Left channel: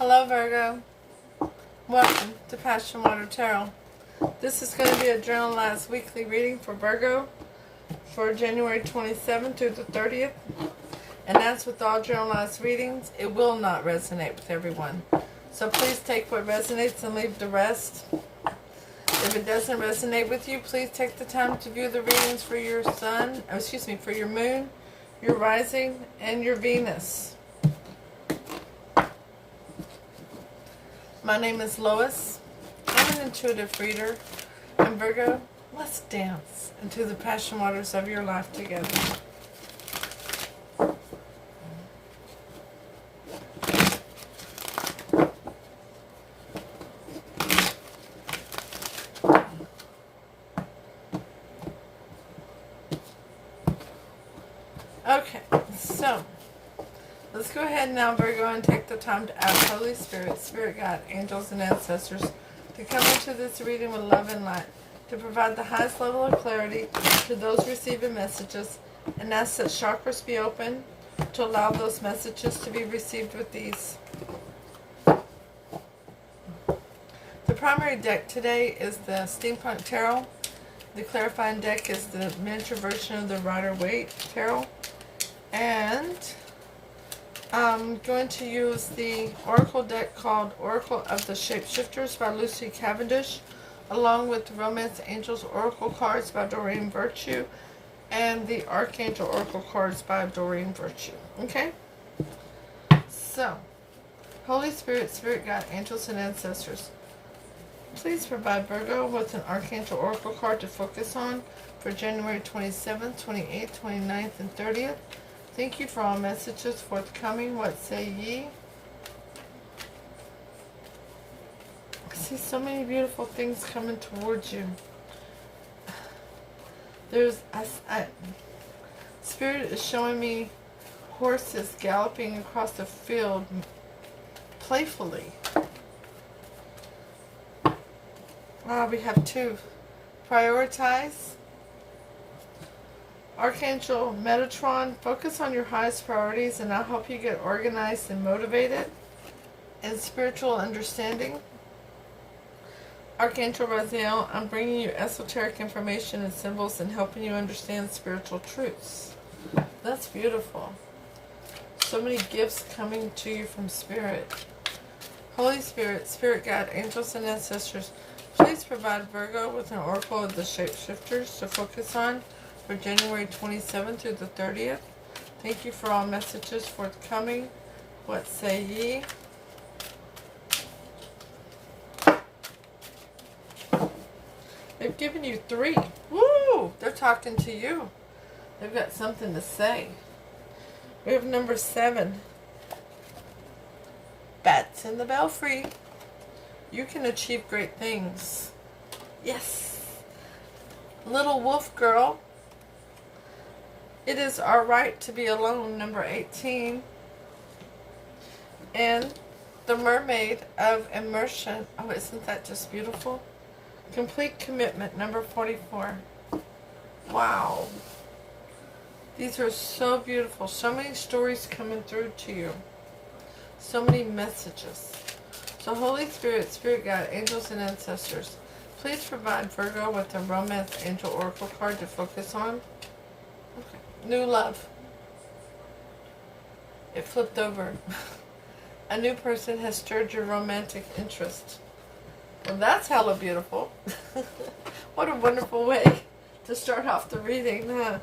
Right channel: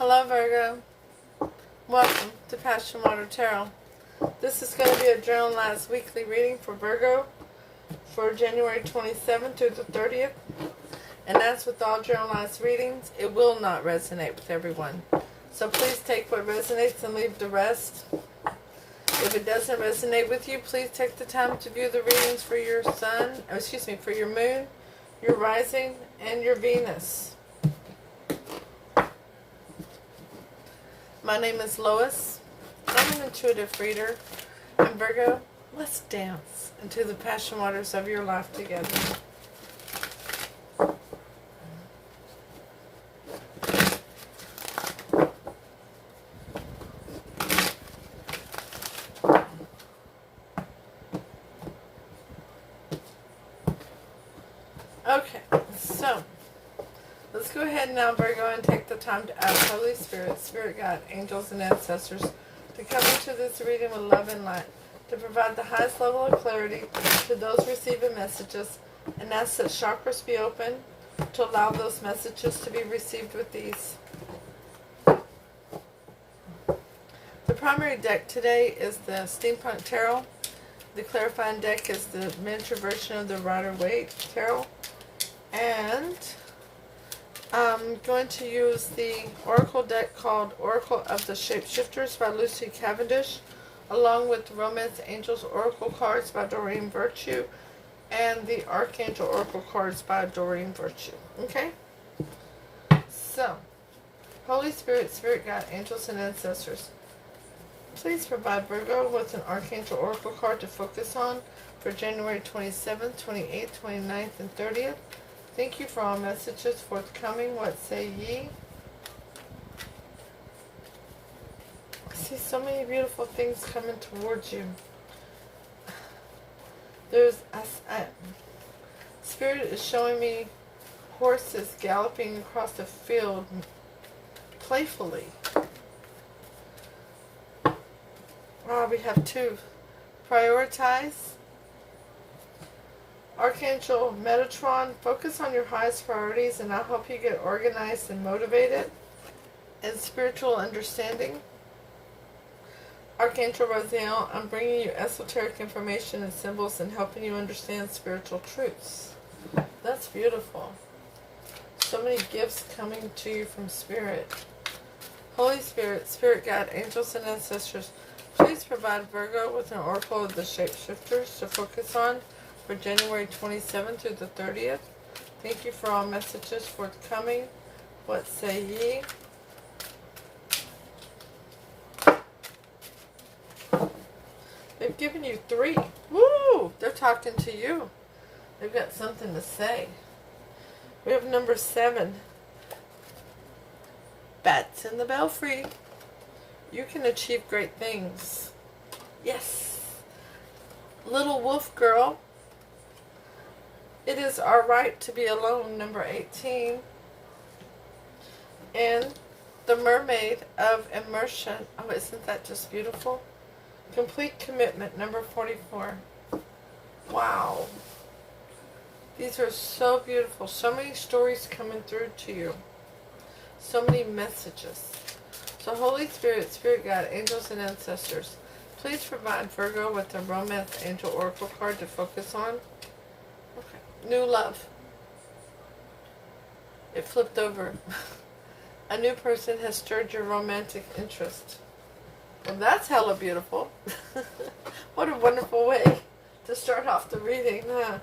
Hello Virgo, welcome to PassionWater Tarot. This is going to be a journalized weekly reading for Virgo for January 27th through the 30th. And as with all journalized readings, it will not resonate with everyone. So please take what resonates and leave the rest. If it doesn't resonate with you, please take the time to view the readings for your sun, for your moon, your rising, and your Venus. My name is Lois. I'm an intuitive reader. And Virgo, let's dance into the passion waters of your life together. Okay, so let's go ahead now, Virgo, and take the time to ask Holy Spirit, Spirit God, angels, and ancestors to come into this reading with love and light, to provide the highest level of clarity to those receiving messages, and ask that chakras be open to allow those messages to be received with ease. The primary deck today is the Steampunk Tarot. The clarifying deck is the miniature version of the Rider-Waite Tarot. And I'm going to use the Oracle deck called Oracle of the Shapeshifters by Lucy Cavendish, along with the Romance Angels Oracle cards by Doreen Virtue, and the Archangel Oracle cards by Doreen Virtue. Okay? So, Holy Spirit, Spirit God, angels, and ancestors, please provide Virgo with an Archangel Oracle card to focus on for January 27th, 28th, 29th, and 30th. Thank you for all messages forthcoming. What say ye? I see so many beautiful things coming towards you. Spirit is showing me horses galloping across the field playfully. We have two. Prioritize. Archangel Metatron, focus on your highest priorities and I'll help you get organized and motivated. And spiritual understanding. Archangel Raziel, I'm bringing you esoteric information and symbols and helping you understand spiritual truths. That's beautiful. So many gifts coming to you from Spirit. Holy Spirit, Spirit God, angels, and ancestors, please provide Virgo with an Oracle of the Shapeshifters to focus on for January 27th through the 30th. Thank you for all messages forthcoming. What say ye? They've given you 3. Woo! They're talking to you. They've got something to say. We have number 7. Bats in the belfry. You can achieve great things. Yes. Little wolf girl. It is our right to be alone, number 18. And the mermaid of immersion. Oh, isn't that just beautiful? Complete commitment, number 44. Wow. These are so beautiful. So many stories coming through to you. So many messages. So Holy Spirit, Spirit God, angels, and ancestors, please provide Virgo with a Romance Angel Oracle card to focus on. Okay. New love. It flipped over. A new person has stirred your romantic interest. Well, that's hella beautiful. What a wonderful way to start off the reading, huh?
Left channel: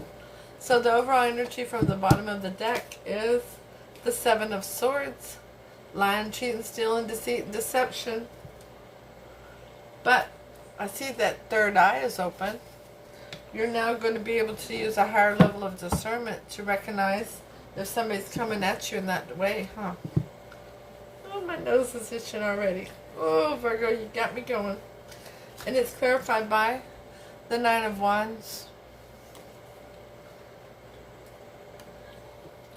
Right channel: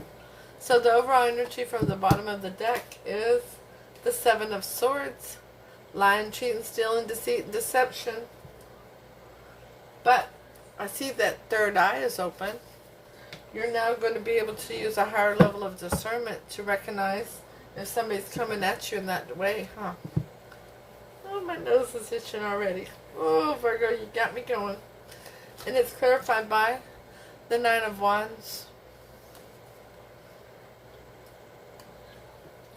So the overall energy from the bottom of the deck is the 7 of Swords. Lying, cheating, stealing, deceit, and deception. But I see that third eye is open. You're now going to be able to use a higher level of discernment to recognize if somebody's coming at you in that way, huh? Oh, my nose is itching already. Oh, Virgo, you got me going. And it's clarified by the 9 of Wands.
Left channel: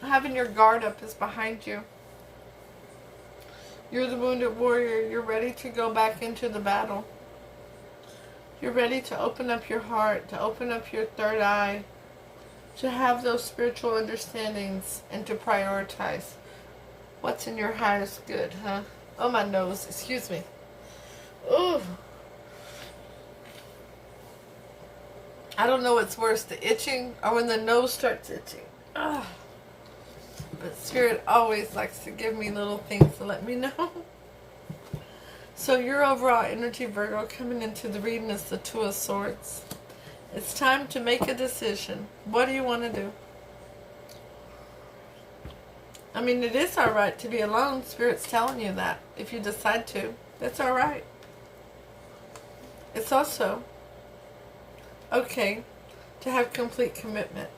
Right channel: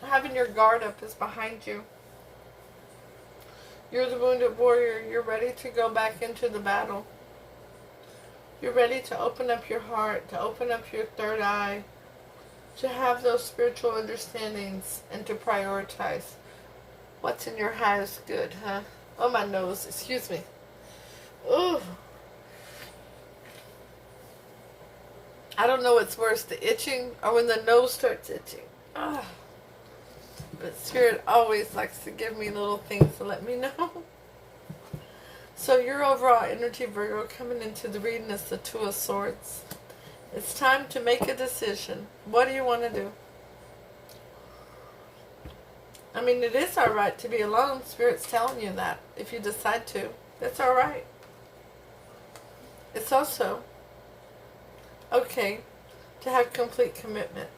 Having your guard up is behind you. You're the wounded warrior. You're ready to go back into the battle. You're ready to open up your heart, to open up your third eye, to have those spiritual understandings, and to prioritize what's in your highest good, huh? Oh, my nose. Excuse me. Ooh. I don't know what's worse, the itching or when the nose starts itching. Ah. But Spirit always likes to give me little things to let me know. So your overall energy, Virgo, coming into the reading is the Two of Swords. It's time to make a decision. What do you want to do? I mean, it is alright to be alone. Spirit's telling you that. If you decide to, that's alright. It's also okay to have complete commitment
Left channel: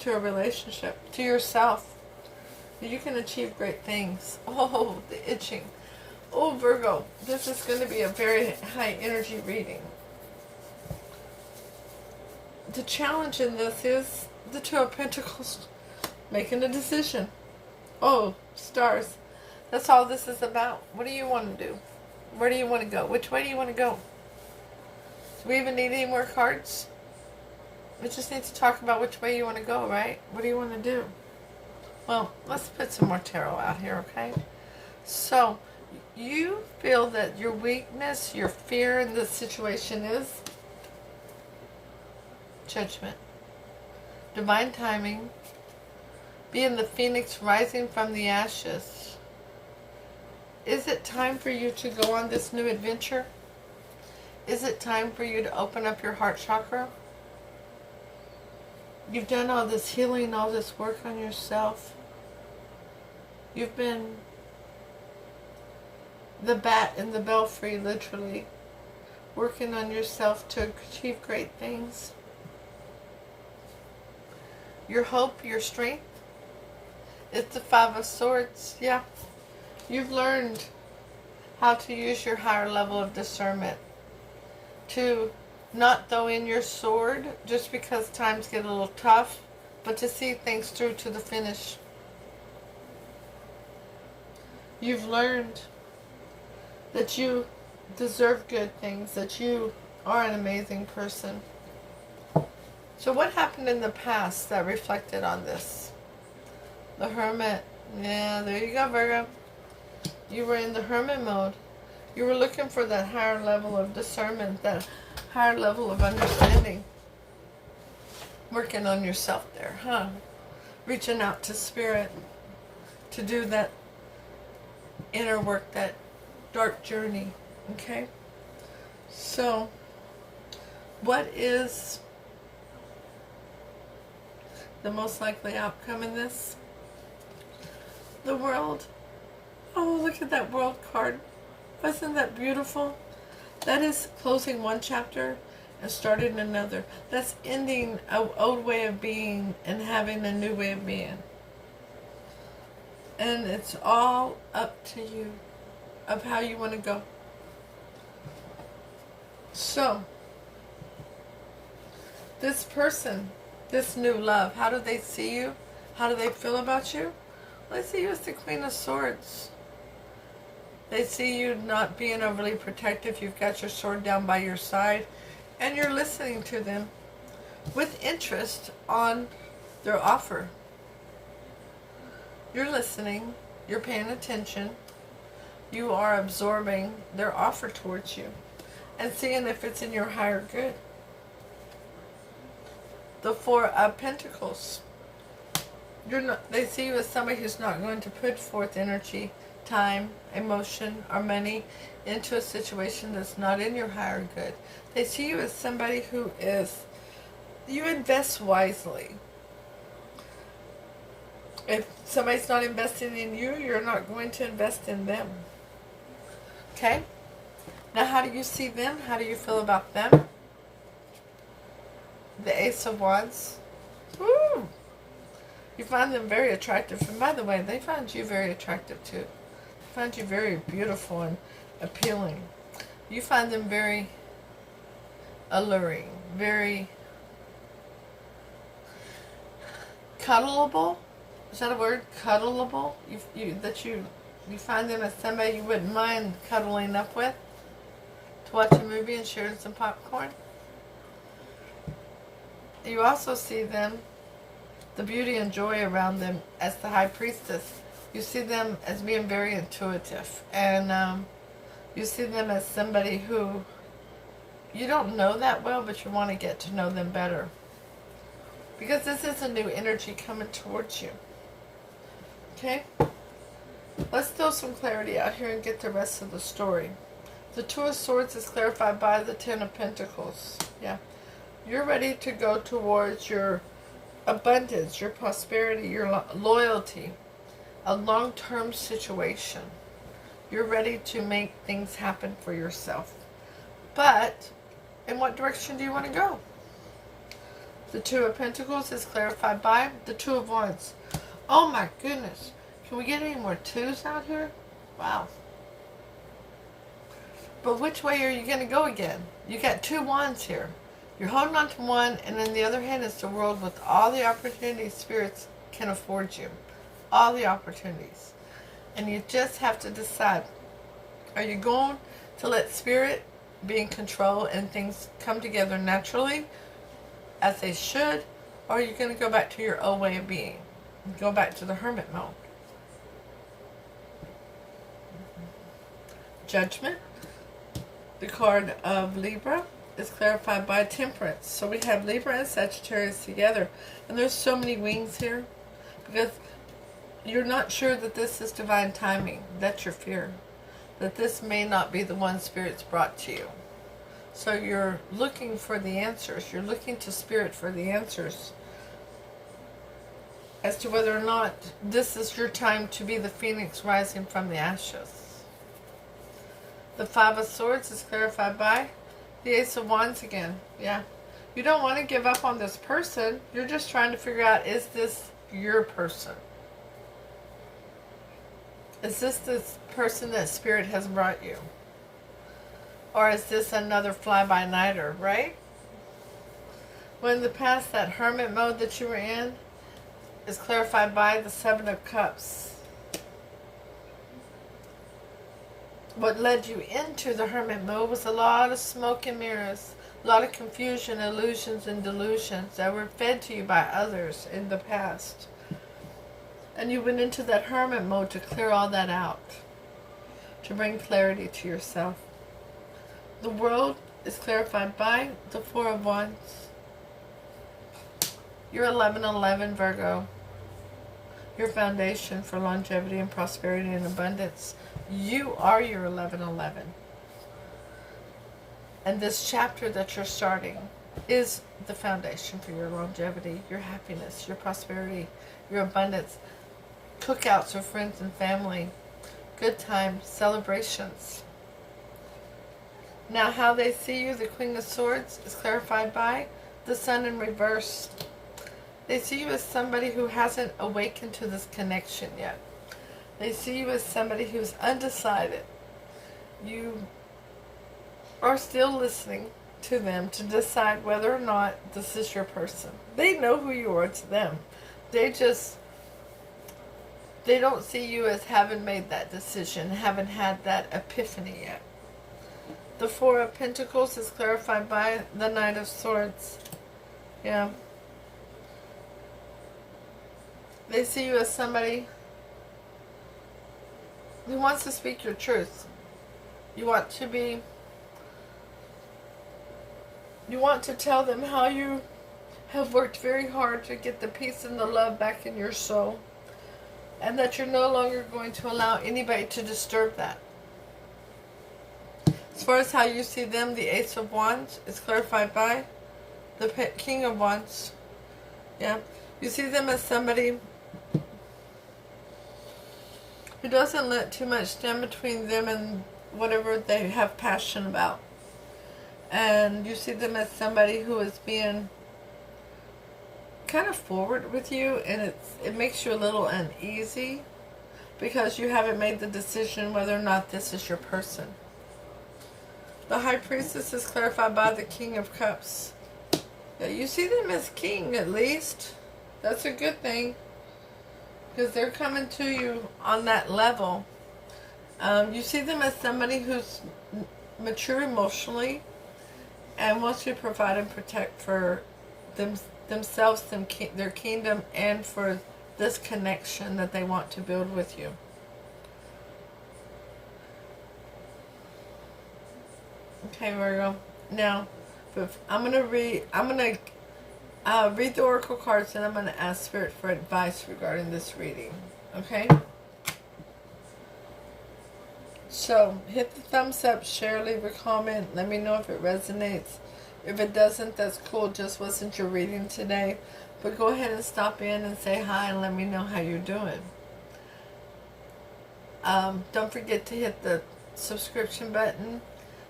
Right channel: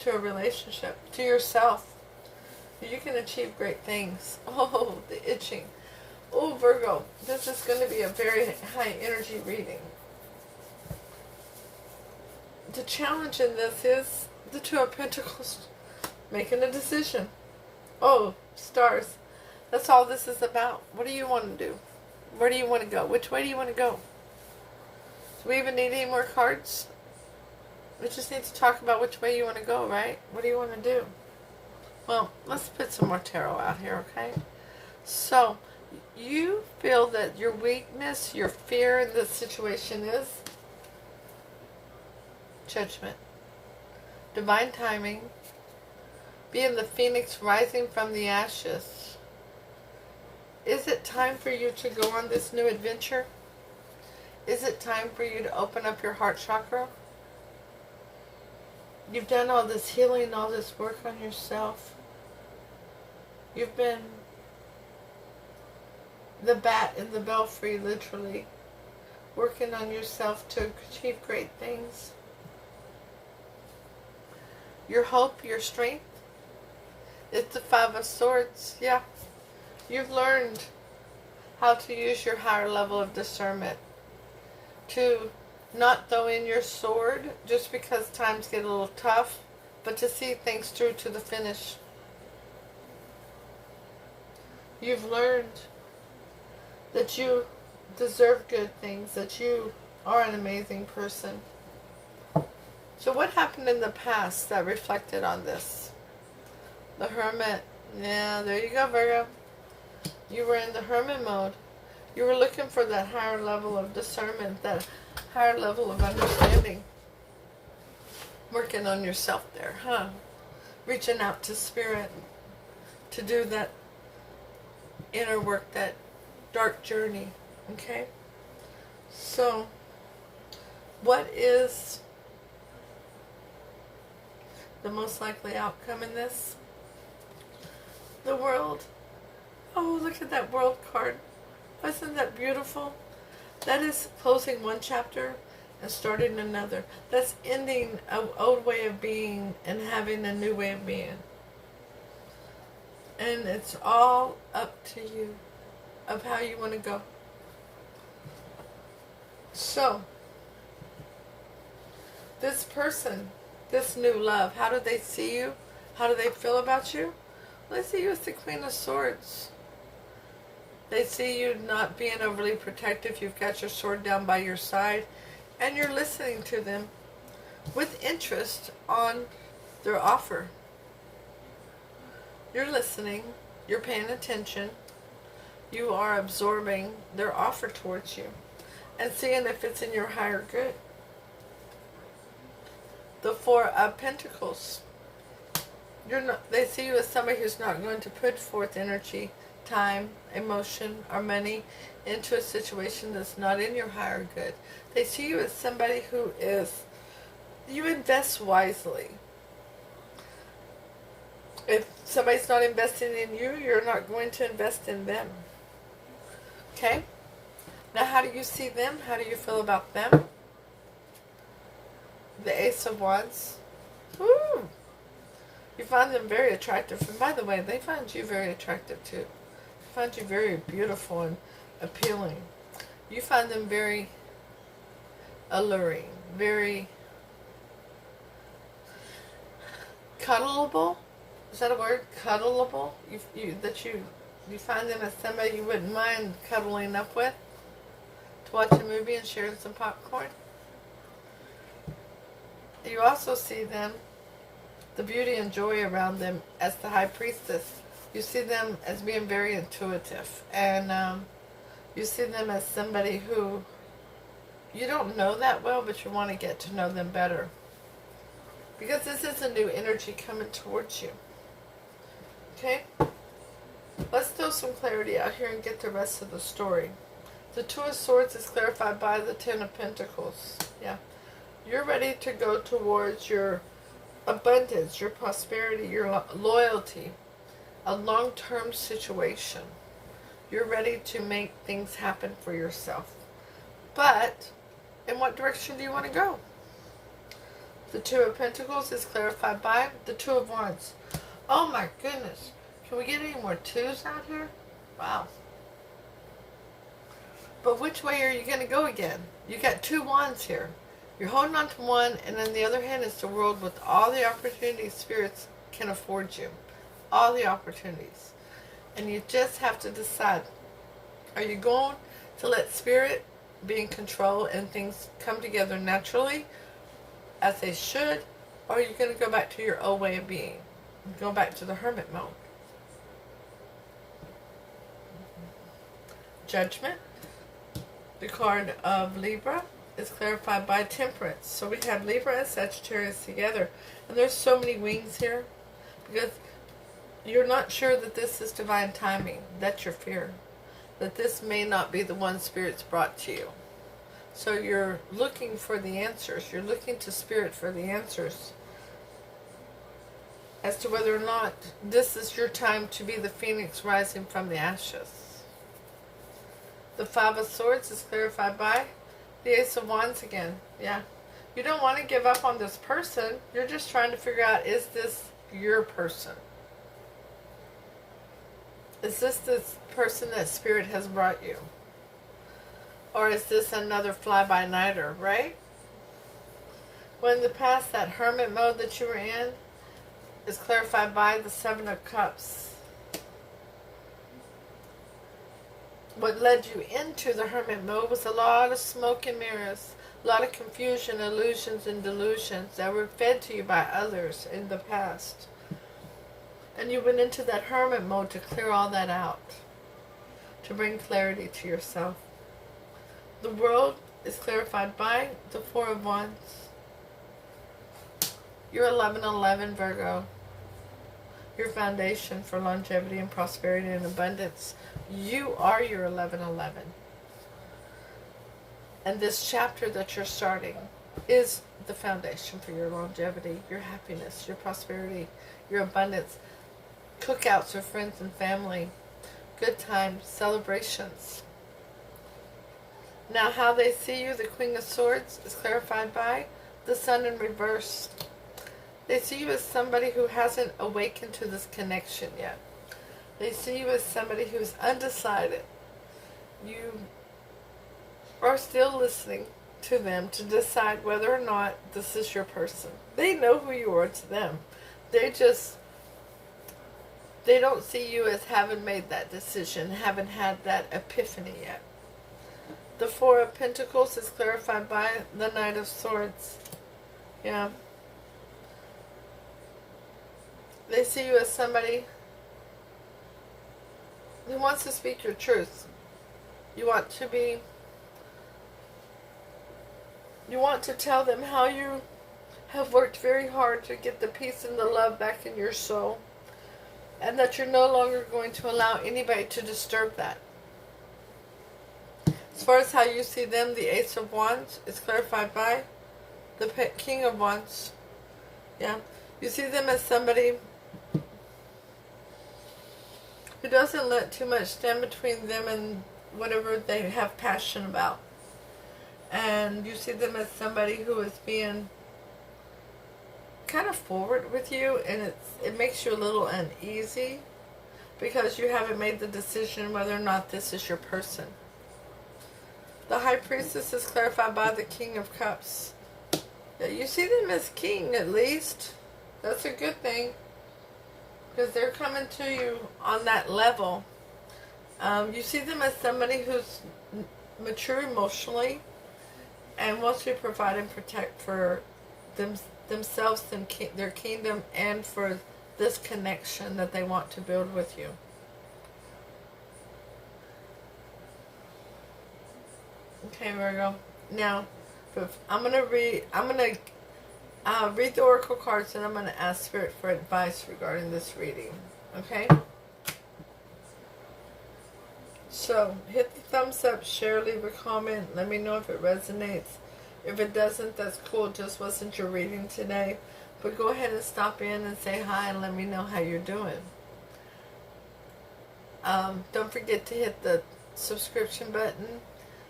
to a relationship, to yourself. You can achieve great things. Oh, the itching. Oh, Virgo, this is going to be a very high energy reading. The challenge in this is the Two of Pentacles, making a decision. Oh, stars. That's all this is about. What do you want to do? Where do you want to go? Which way do you want to go? Do we even need any more cards? We just need to talk about which way you want to go, right? What do you want to do? Well, let's put some more tarot out here, okay? So, you feel that your weakness, your fear in this situation is judgment, divine timing, being the phoenix rising from the ashes. Is it time for you to go on this new adventure? Is it time for you to open up your heart chakra? You've done all this healing, all this work on yourself. You've been the bat in the belfry, literally, working on yourself to achieve great things. Your hope, your strength, it's the Five of Swords. Yeah, you've learned how to use your higher level of discernment to not throw in your sword just because times get a little tough, but to see things through to the finish. You've learned that you deserve good things, that you are an amazing person. So what happened in the past that reflected on this? The Hermit. Yeah, there you go, Virgo. You were in the Hermit mode. You were looking for that higher level of discernment, that higher level of understanding. Working on yourself there, huh? Reaching out to Spirit to do that inner work, that dark journey, okay? So, what is the most likely outcome in this? The World. Oh, look at that World card. Isn't that beautiful? That is closing one chapter and starting another. That's ending an old way of being and having a new way of being. And it's all up to you of how you want to go. So, this person, this new love, how do they see you? How do they feel about you? Well, they see you as the Queen of Swords. They see you not being overly protective. You've got your sword down by your side. And you're listening to them with interest on their offer. You're listening. You're paying attention. You are absorbing their offer towards you. And seeing if it's in your higher good. The Four of Pentacles. They see you as somebody who's not going to put forth energy, time, emotion, or money into a situation that's not in your higher good. They see you as somebody who is, you invest wisely. If somebody's not investing in you, you're not going to invest in them. Okay? Now, how do you see them? How do you feel about them? The Ace of Wands. Woo! You find them very attractive. And by the way, they find you very attractive too. They find you very beautiful and appealing. You find them very alluring, very cuddleable. Is that a word? Cuddleable? You find them as somebody you wouldn't mind cuddling up with to watch a movie and sharing some popcorn. You also see them, the beauty and joy around them, as the High Priestess, You see them as being very intuitive. And you see them as somebody who you don't know that well, but you want to get to know them better. Because this is a new energy coming towards you. Okay? Let's throw some clarity out here and get the rest of the story. The Two of Swords is clarified by the Ten of Pentacles. Yeah. You're ready to go towards your abundance, your prosperity, your loyalty, a long-term situation. You're ready to make things happen for yourself. But in what direction do you want to go? The Two of Pentacles is clarified by the Two of Wands. Oh my goodness. Can we get any more twos out here? Wow. But which way are you going to go again? You got two wands here. You're holding on to one, and then the other hand is the world with all the opportunities spirits can afford you. All the opportunities. And you just have to decide. Are you going to let spirit be in control and things come together naturally as they should? Or are you going to go back to your old way of being? Go back to the hermit mode. Judgment. The card of Libra is clarified by Temperance. So we have Libra and Sagittarius together. And there's so many wings here. Because you're not sure that this is divine timing. That's your fear. That this may not be the one Spirit's brought to you. So you're looking for the answers. You're looking to Spirit for the answers. As to whether or not this is your time to be the phoenix rising from the ashes. The Five of Swords is clarified by the Ace of Wands again. Yeah. You don't want to give up on this person. You're just trying to figure out, is this your person? Is this the person that Spirit has brought you? Or is this another fly-by-nighter, right? When in the past, that hermit mode that you were in is clarified by the Seven of Cups. What led you into the hermit mode was a lot of smoke and mirrors, a lot of confusion, illusions, and delusions that were fed to you by others in the past. And you went into that hermit mode to clear all that out, to bring clarity to yourself. The world is clarified by the Four of Wands. You're 1111, Virgo. Your foundation for longevity and prosperity and abundance. You are your 1111. And this chapter that you're starting is the foundation for your longevity, your happiness, your prosperity, your abundance. Cookouts with friends and family. Good times, celebrations. Now how they see you, the Queen of Swords, is clarified by the Sun in reverse. They see you as somebody who hasn't awakened to this connection yet. They see you as somebody who's undecided. You are still listening to them to decide whether or not this is your person. They know who you are to them. They don't see you as having made that decision, haven't had that epiphany yet. The Four of Pentacles is clarified by the Knight of Swords. Yeah. They see you as somebody who wants to speak your truth. You want to tell them how you have worked very hard to get the peace and the love back in your soul. And that you're no longer going to allow anybody to disturb that. As far as how you see them, the Ace of Wands is clarified by the King of Wands. Yeah. You see them as somebody who doesn't let too much stand between them and whatever they have passion about. And you see them as somebody who is being kind of forward with you, and it makes you a little uneasy because you haven't made the decision whether or not this is your person. The High Priestess is clarified by the King of Cups. Yeah, you see them as king at least. That's a good thing. Because they're coming to you on that level. You see them as somebody who's mature emotionally and wants to provide and protect for themselves, their kingdom, and for this connection that they want to build with you. Okay, Virgo. Now, I'm gonna read the oracle cards, and I'm gonna ask Spirit for advice regarding this reading. Okay. So, hit the thumbs up, share, leave a comment. Let me know if it resonates. If it doesn't, that's cool. Just wasn't your reading today. But go ahead and stop in and say hi and let me know how you're doing. Don't forget to hit the subscription button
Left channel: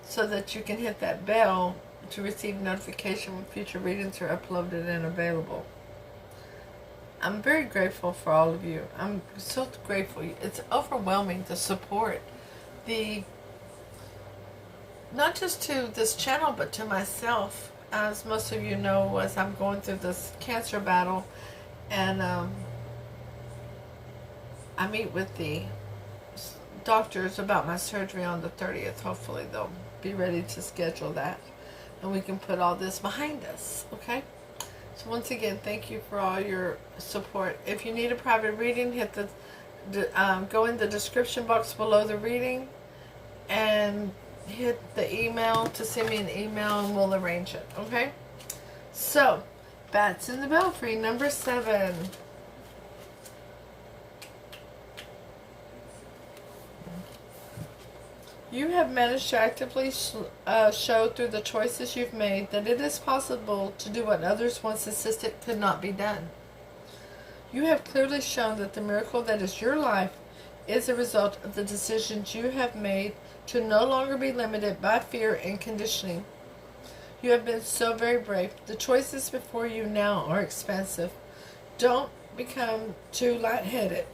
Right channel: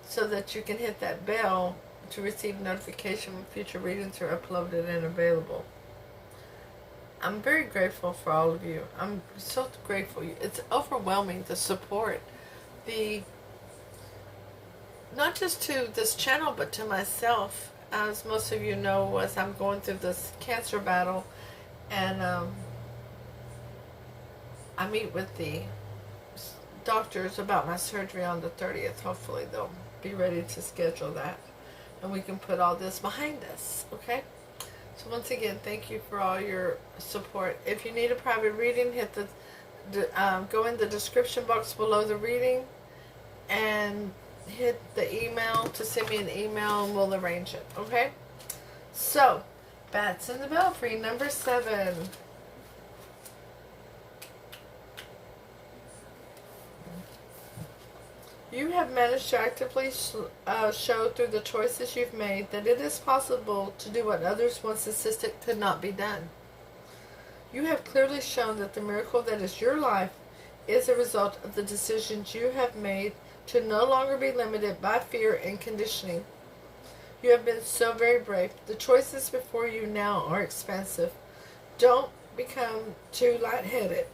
so that you can hit that bell to receive notification when future readings are uploaded and available. I'm very grateful for all of you. I'm so grateful. It's overwhelming, the support. Not just to this channel, but to myself. As most of you know, as I'm going through this cancer battle, and I meet with the doctors about my surgery on the 30th. Hopefully they'll be ready to schedule that, and we can put all this behind us, okay? So once again, thank you for all your support. If you need a private reading, hit go in the description box below the reading and hit the email to send me an email, and we'll arrange it, okay? So, Bats in the Belfry, number 7. You have managed to actively show through the choices you've made that it is possible to do what others once insisted could not be done. You have clearly shown that the miracle that is your life is a result of the decisions you have made to no longer be limited by fear and conditioning. You have been so very brave. The choices before you now are expansive. Don't become too lightheaded.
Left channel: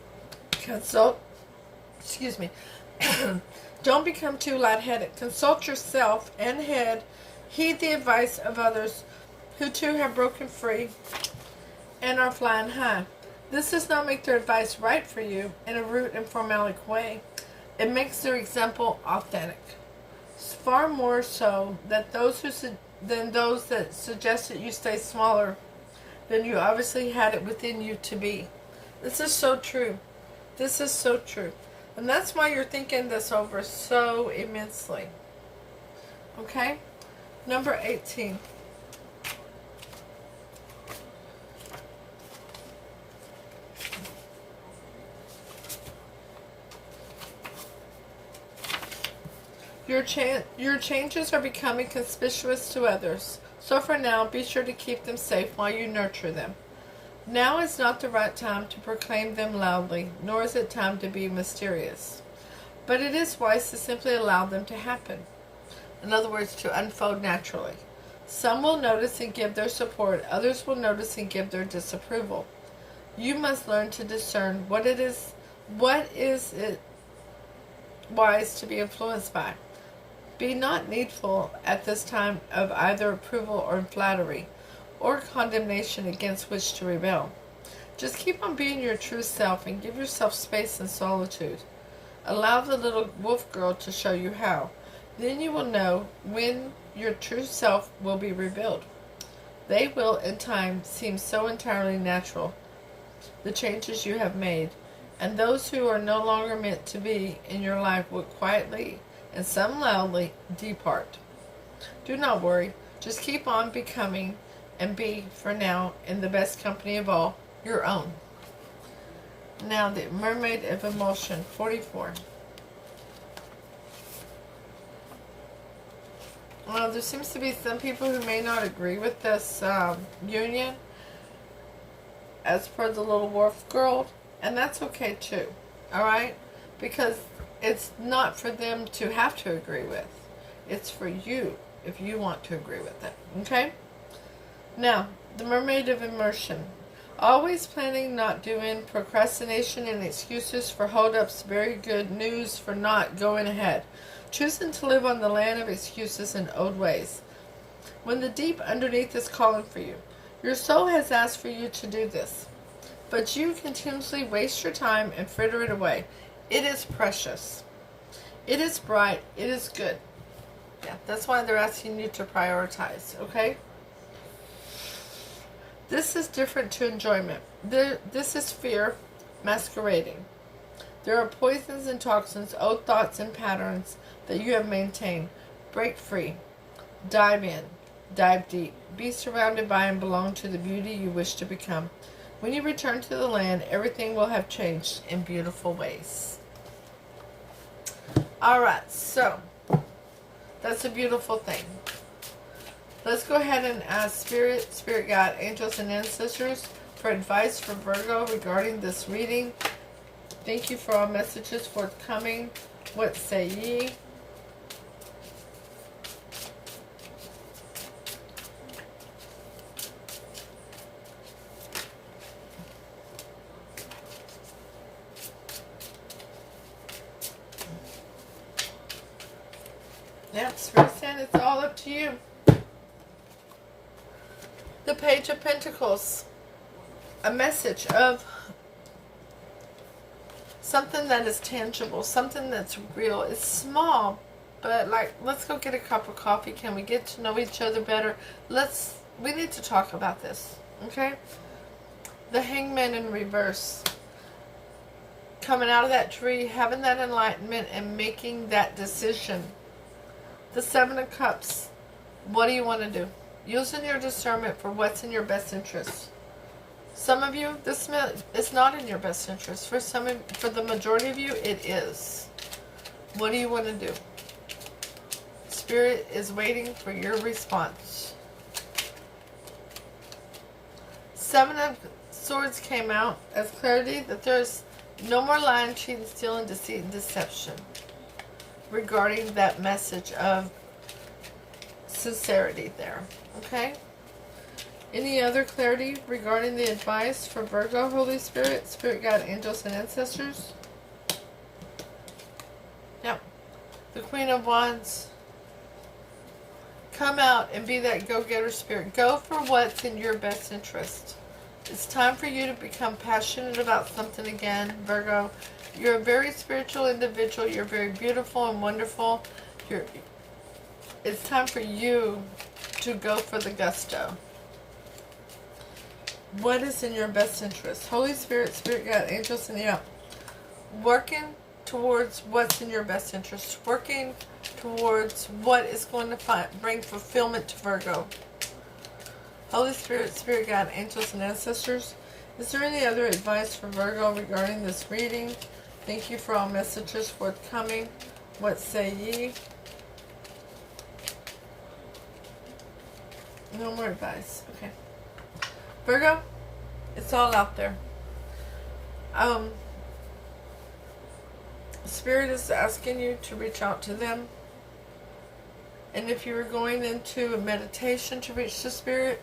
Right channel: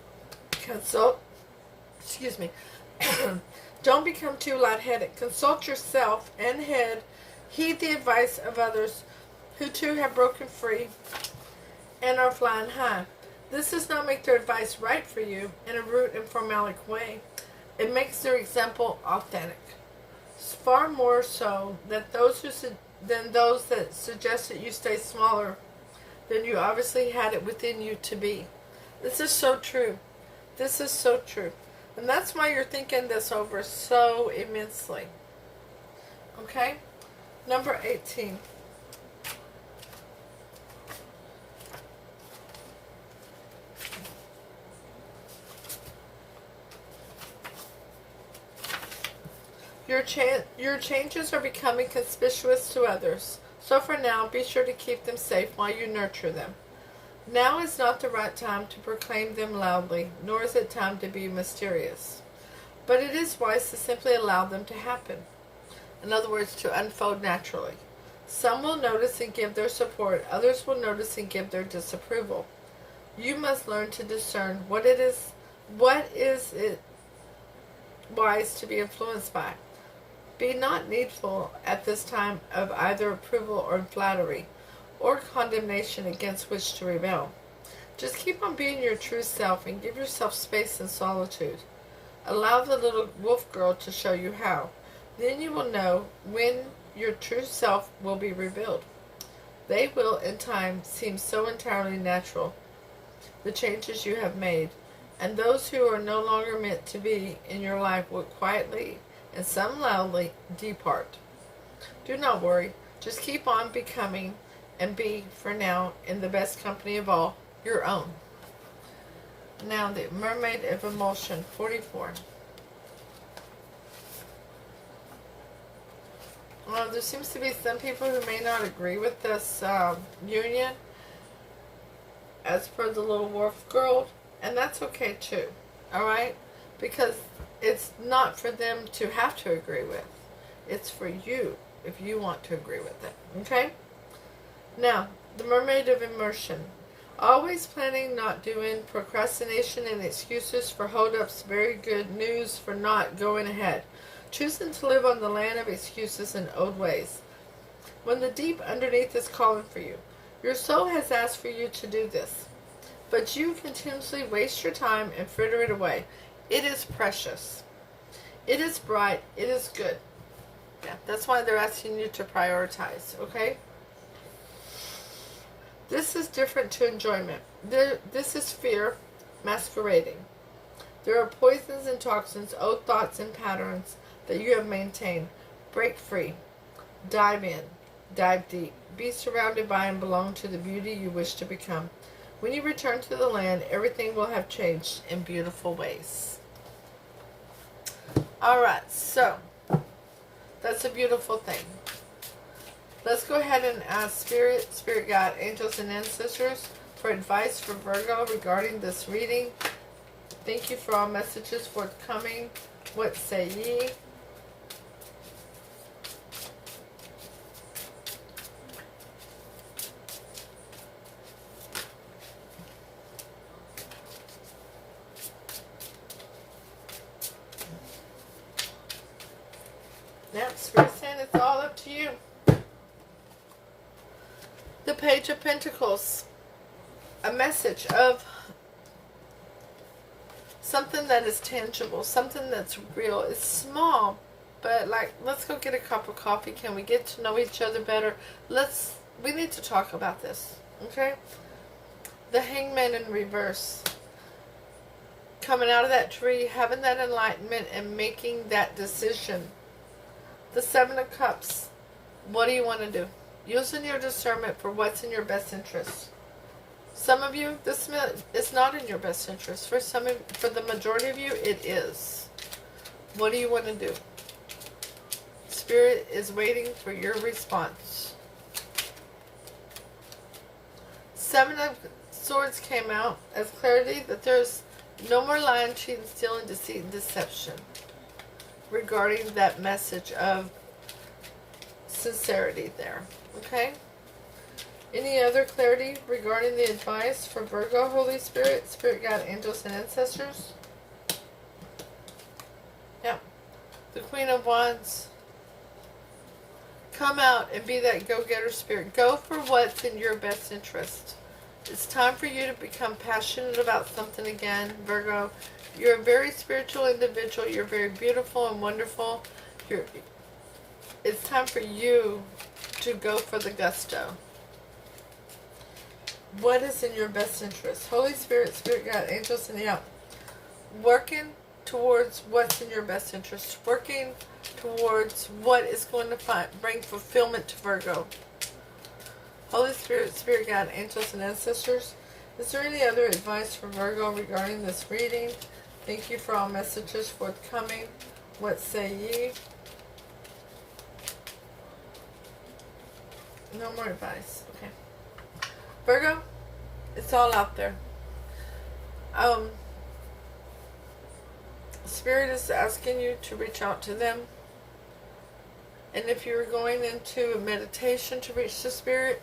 Don't become too lightheaded. Consult yourself and heed the advice of others who too have broken free and are flying high. This does not make their advice right for you in a rude and formalic way. It makes their example authentic. Far more so than those that suggest that you stay smaller than you obviously had it within you to be. This is so true. This is so true. And that's why you're thinking this over so immensely. Okay? Number 18. Your changes are becoming conspicuous to others. So for now, be sure to keep them safe while you nurture them. Now is not the right time to proclaim them loudly, nor is it time to be mysterious. But it is wise to simply allow them to happen. In other words, to unfold naturally. Some will notice and give their support, others will notice and give their disapproval. You must learn to discern what is it wise to be influenced by. Be not needful at this time of either approval or flattery, or condemnation against which to rebel. Just keep on being your true self and give yourself space and solitude. Allow the little wolf girl to show you how. Then you will know when your true self will be revealed. They will, in time, seem so entirely natural, the changes you have made, and those who are no longer meant to be in your life will quietly and some loudly depart. Do not worry. Just keep on becoming and be, for now, in the best company of all, your own. Now, the Mermaid of Emotion, 44. Well, there seems to be some people who may not agree with this union, as per the little wolf girl, and that's okay too, alright? Because it's not for them to have to agree with. It's for you, if you want to agree with it, okay? Now, the Mermaid of Immersion. Always planning, not doing, procrastination and excuses for hold-ups, very good news for not going ahead. Choosing to live on the land of excuses and old ways. When the deep underneath is calling for you, your soul has asked for you to do this, but you continuously waste your time and fritter it away. It is precious. It is bright. It is good. Yeah, that's why they're asking you to prioritize, okay? This is different to enjoyment. This is fear masquerading. There are poisons and toxins, old thoughts and patterns that you have maintained. Break free. Dive in. Dive deep. Be surrounded by and belong to the beauty you wish to become. When you return to the land, everything will have changed in beautiful ways. Alright, so that's a beautiful thing. Let's go ahead and ask Spirit, Spirit Guide, Angels, and Ancestors for advice for Virgo regarding this reading. Thank you for all messages forthcoming. What say ye? Yep, Spirit saying it's all up to you. The Page of Pentacles. A message of something that is tangible, something that's real. It's small, but like, let's go get a cup of coffee. Can we get to know each other better? We need to talk about this, okay? The Hangman in reverse. Coming out of that tree, having that enlightenment and making that decision. The Seven of Cups. What do you want to do? Using your discernment for what's in your best interest. Some of you, this is not in your best interest. For the majority of you, it is. What do you want to do? Spirit is waiting for your response. Seven of Swords came out as clarity that there's no more lying, cheating, stealing, deceit, and deception. Regarding that message of sincerity there. Okay? Any other clarity regarding the advice for Virgo, Holy Spirit, Spirit Guide, Angels, and Ancestors? Yep. The Queen of Wands. Come out and be that go-getter spirit. Go for what's in your best interest. It's time for you to become passionate about something again, Virgo. You're a very spiritual individual. You're very beautiful and wonderful. It's time for you to go for the gusto. What is in your best interest? Holy Spirit, Spirit Guide, Angels, and yeah. Working towards what's in your best interest. Working towards what is going to bring fulfillment to Virgo. Holy Spirit, Spirit Guide, Angels, and Ancestors. Is there any other advice for Virgo regarding this reading? Thank you for all messages forthcoming. What say ye? No more advice. Okay. Virgo, it's all out there. Spirit is asking you to reach out to them. And if you were going into a meditation to reach the Spirit,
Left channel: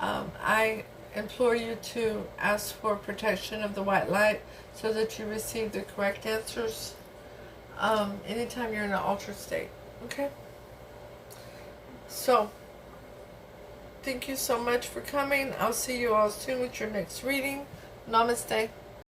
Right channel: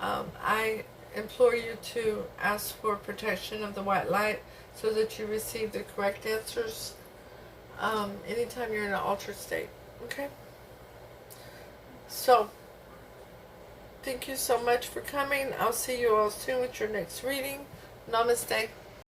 I implore you to ask for protection of the white light so that you receive the correct answers anytime you're in an altered state. Okay? So, thank you so much for coming. I'll see you all soon with your next reading. Namaste.